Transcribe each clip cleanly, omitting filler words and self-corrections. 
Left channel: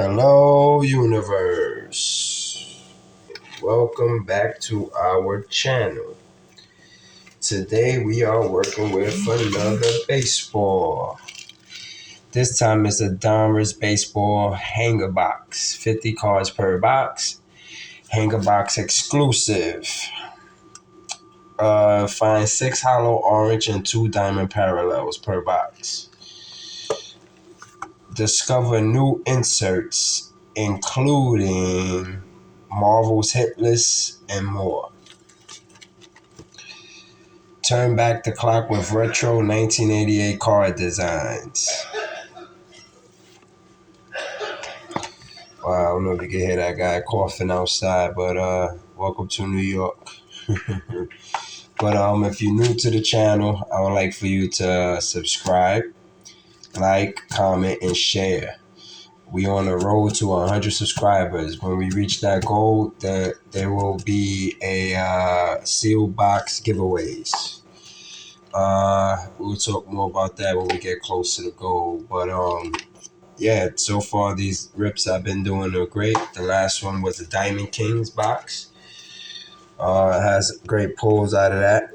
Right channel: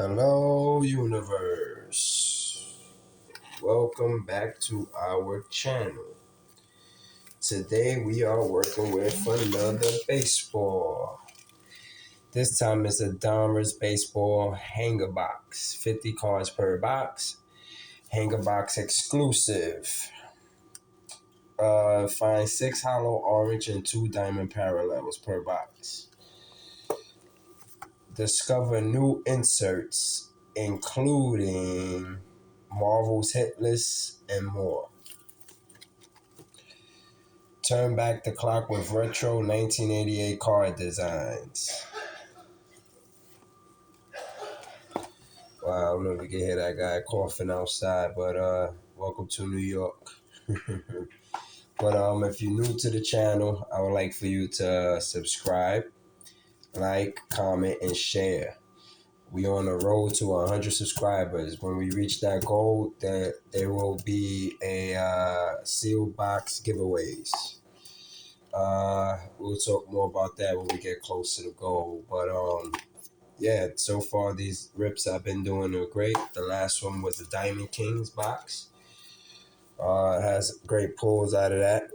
Hello, universe. Welcome back to our channel. Today we are working with another baseball. This time it's a Donruss baseball hanger box. 50 cards per box. Hanger box exclusive. Find 6 hollow orange and 2 diamond parallels per box. Discover new inserts, including Marvel's hit list and more. Turn back the clock with retro 1988 card designs. Wow, I don't know if you can hear that guy coughing outside, but welcome to New York. But if you're new to the channel, I would like for you to subscribe, like, comment, and share. We on the road to 100 subscribers. When we reach that goal, there will be a sealed box giveaways. We'll talk more about that when we get close to the goal. But yeah, so far these rips I've been doing are great. The last one was the Diamond Kings box. It has great pulls out of that.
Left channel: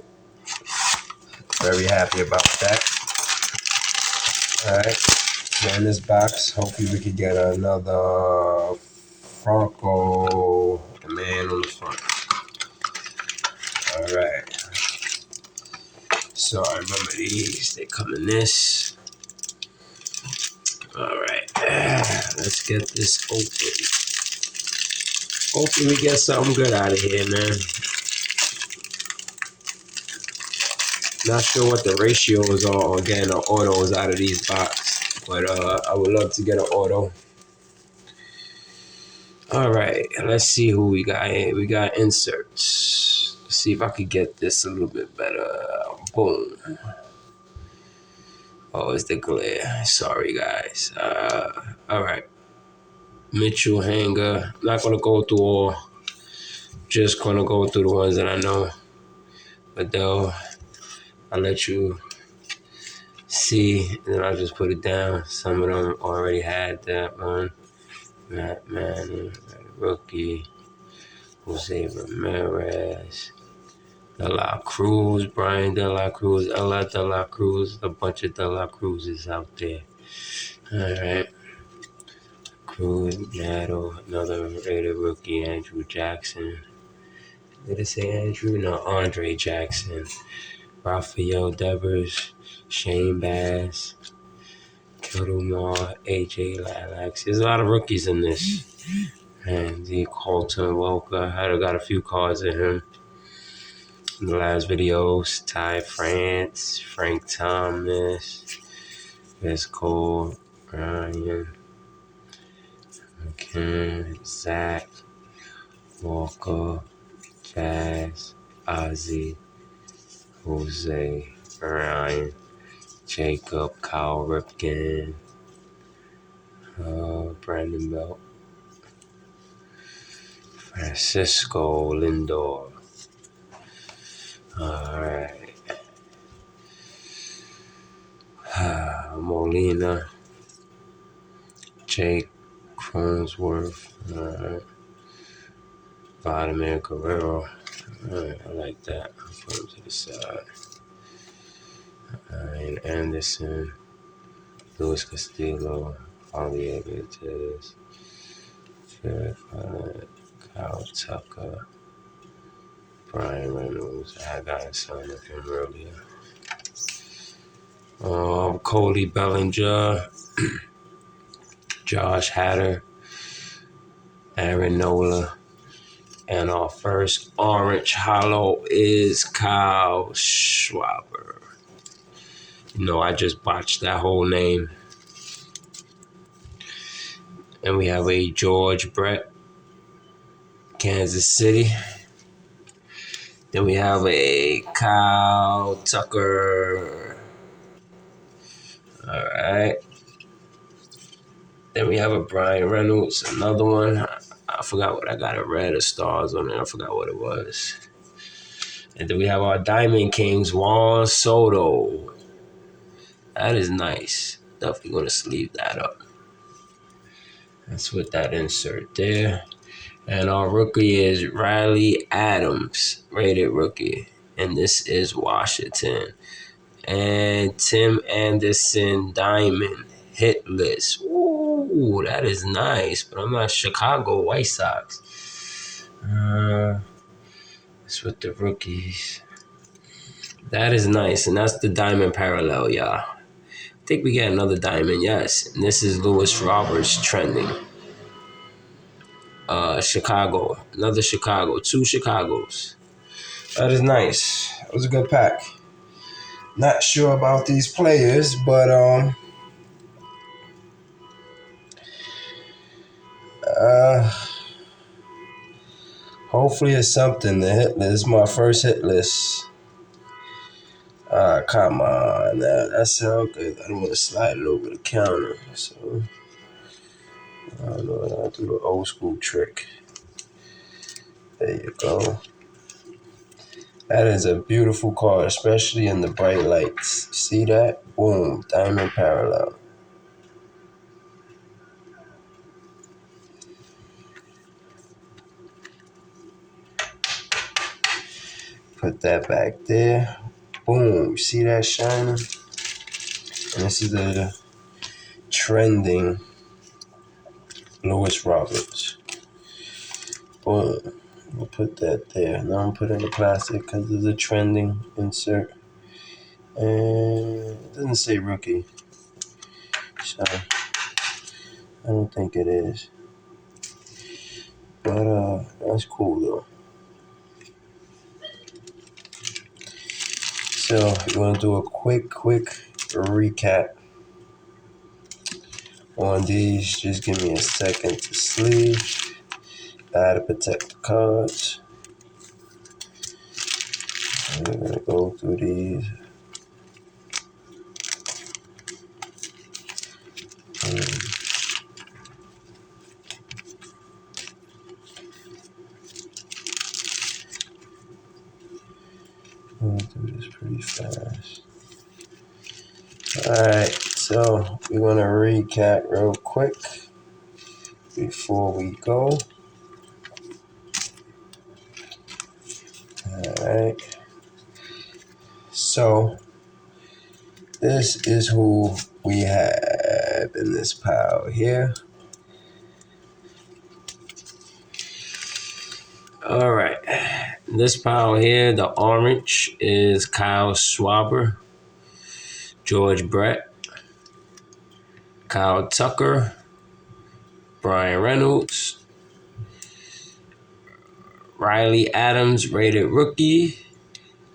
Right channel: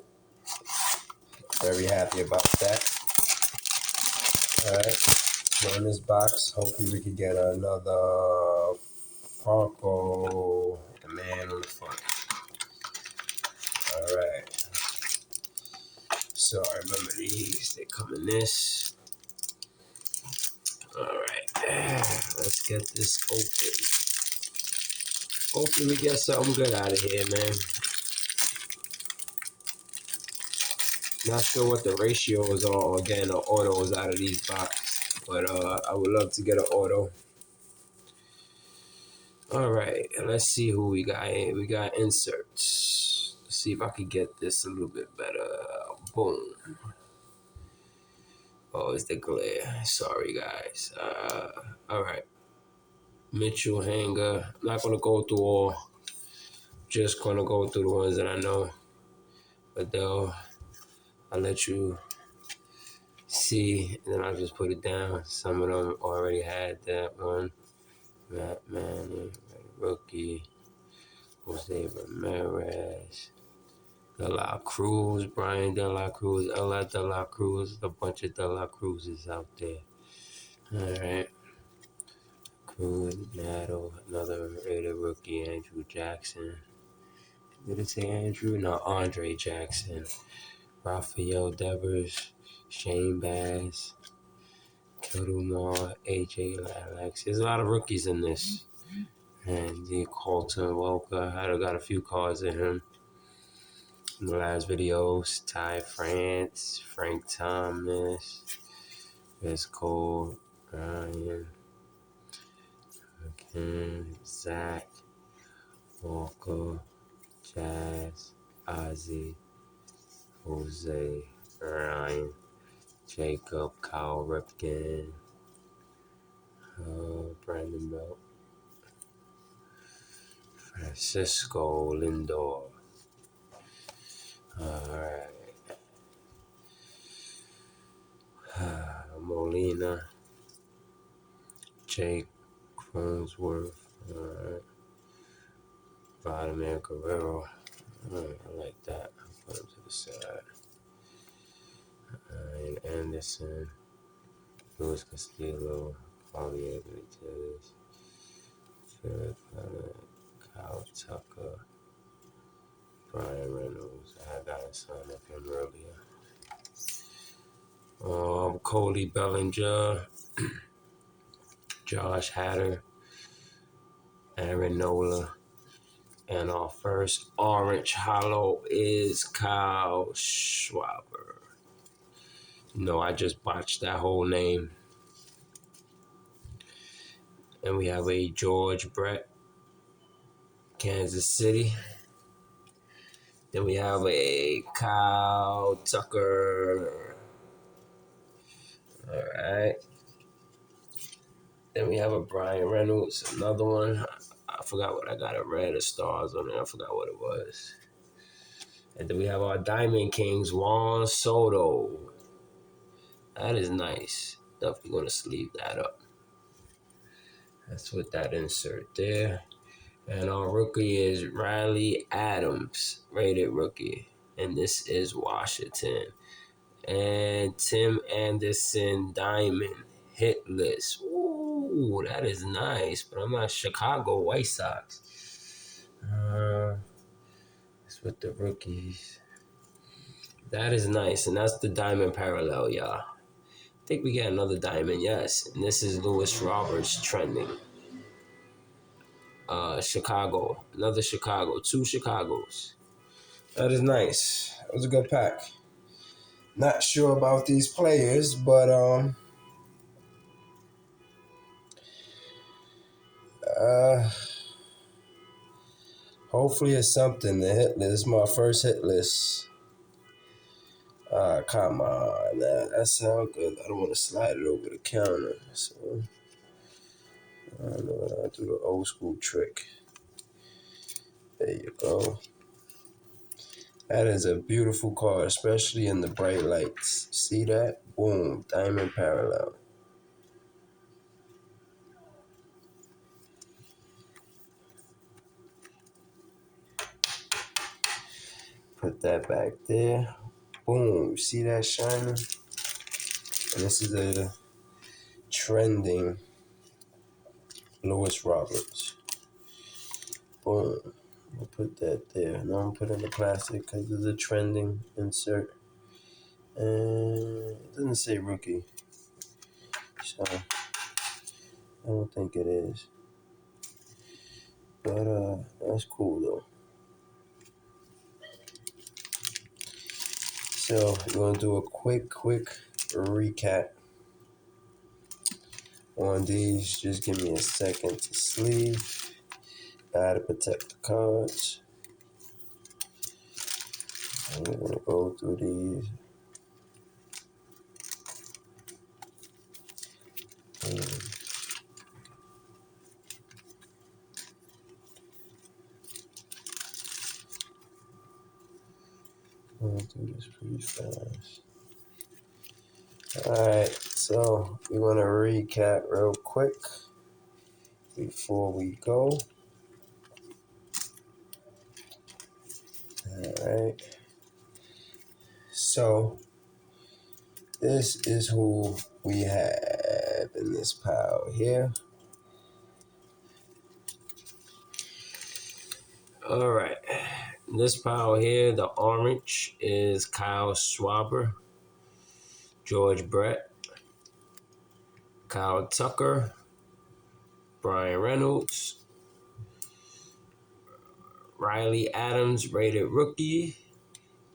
Very happy about that. All right. So in this box, hopefully we could get another Franco, the man on the front. All right. So I remember these. They come in this. All right. Let's get this open. Hopefully we get something good out of here, man. Not sure what the ratios are on getting the autos out of these boxes, but I would love to get an auto. All right, let's see who we got here. We got inserts. Let's see if I could get this a little bit better. Boom. Oh, it's the glare. Sorry, guys. All right. Mitchell hanger. I'm not going to go through all. Just going to go through the ones that I know. But though, I'll let you see, and then I'll just put it down. Some of them already had that one. Matt Manning, rookie. Jose Ramirez. De La Cruz, Brian De La Cruz, Ella De La Cruz, a bunch of De La Cruzes out there. All right. Cruz, Nato, another rated rookie, Andrew Jackson. Did it say Andrew? No, Andre Jackson. Rafael Devers, Shane Bass, Kildomar, AJ Lilacs. There's a lot of rookies in this. And the Colton Walker, I got a few cards in him. In the last videos, Ty France, Frank Thomas, Chris Cole, Ryan, Ken, Zach, Walker, Jazz, Ozzy, Jose, Ryan, Jacob, Kyle Ripken, Brandon Belt, Francisco Lindor. Alright. Molina, Jake Cronensworth, Vladimir Guerrero. Alright, I like that. I'll put him to the side. Ryan Anderson, Luis Castillo, Javier Benitez, Kyle Tucker, Brian Reynolds. I had gotten some of him earlier. Cody Bellinger, Josh Hader, Aaron Nola, and our first orange hollow is Kyle Schwarber. You know, I just botched that whole name. And we have a George Brett, Kansas City. Then we have a Kyle Tucker. All right. Then we have a Brian Reynolds, another one. I forgot what I got, a red or stars on there. I forgot what it was. And then we have our Diamond Kings, Juan Soto. That is nice. Definitely going to sleeve that up. Let's put that insert there. And our rookie is Riley Adams, rated rookie. And this is Washington. And Tim Anderson Diamond, hit list. Ooh, that is nice. But I'm not Chicago White Sox. That's with the rookies. That is nice. And that's the diamond parallel, y'all. I think we get another diamond, yes. And this is Lewis Roberts trending. Chicago. Another Chicago. 2 Chicagos. That is nice. It was a good pack. Not sure about these players, but hopefully it's something. The hit list. This is my first hit list. Come on. That sounds good. I don't want to slide it over the counter. So I don't know. I'll do the old school trick. There you go. That is a beautiful card, especially in the bright lights. See that? Boom. Diamond parallel. Put that back there. Boom. See that shining? And this is the trending Lewis Roberts. Boom. We'll put that there. Now I'm putting the plastic because of the trending insert. And it doesn't say rookie. So I don't think it is. But that's cool though. So we're gonna do a quick recap on these. Just give me a second to sleeve. I had to protect the cards. We're gonna go through these. We'll do this pretty fast. Alright, so we want to recap real quick before we go. Alright. So this is who we have in this pile here. Alright. This pile here, the orange is Kyle Schwarber, George Brett, Kyle Tucker, Brian Reynolds, Riley Adams, rated rookie,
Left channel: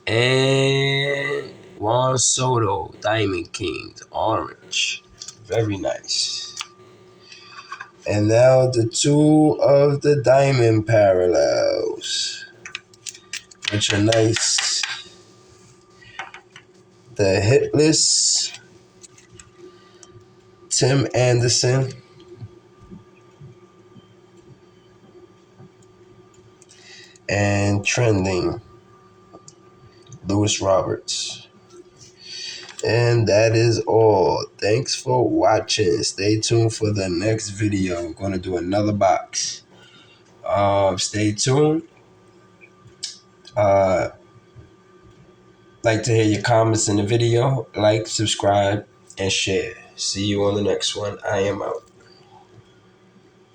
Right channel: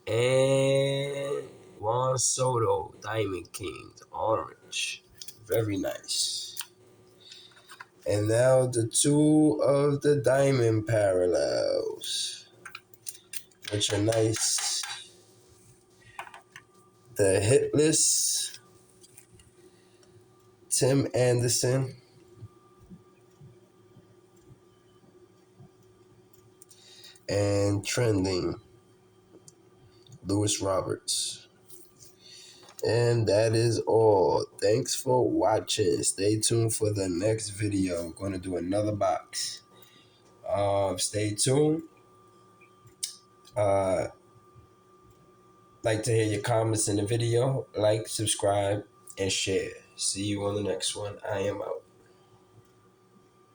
and Juan Soto, Diamond Kings, orange. Very nice. And now the 2 of the diamond parallels, which are nice. The hit list, Tim Anderson, and trending, Lewis Roberts. And that is all. Thanks for watching. Stay tuned for the next video. We're going to do another box. Stay tuned. Like to hear your comments in the video. Like, subscribe, and share. See you on the next one. I am out.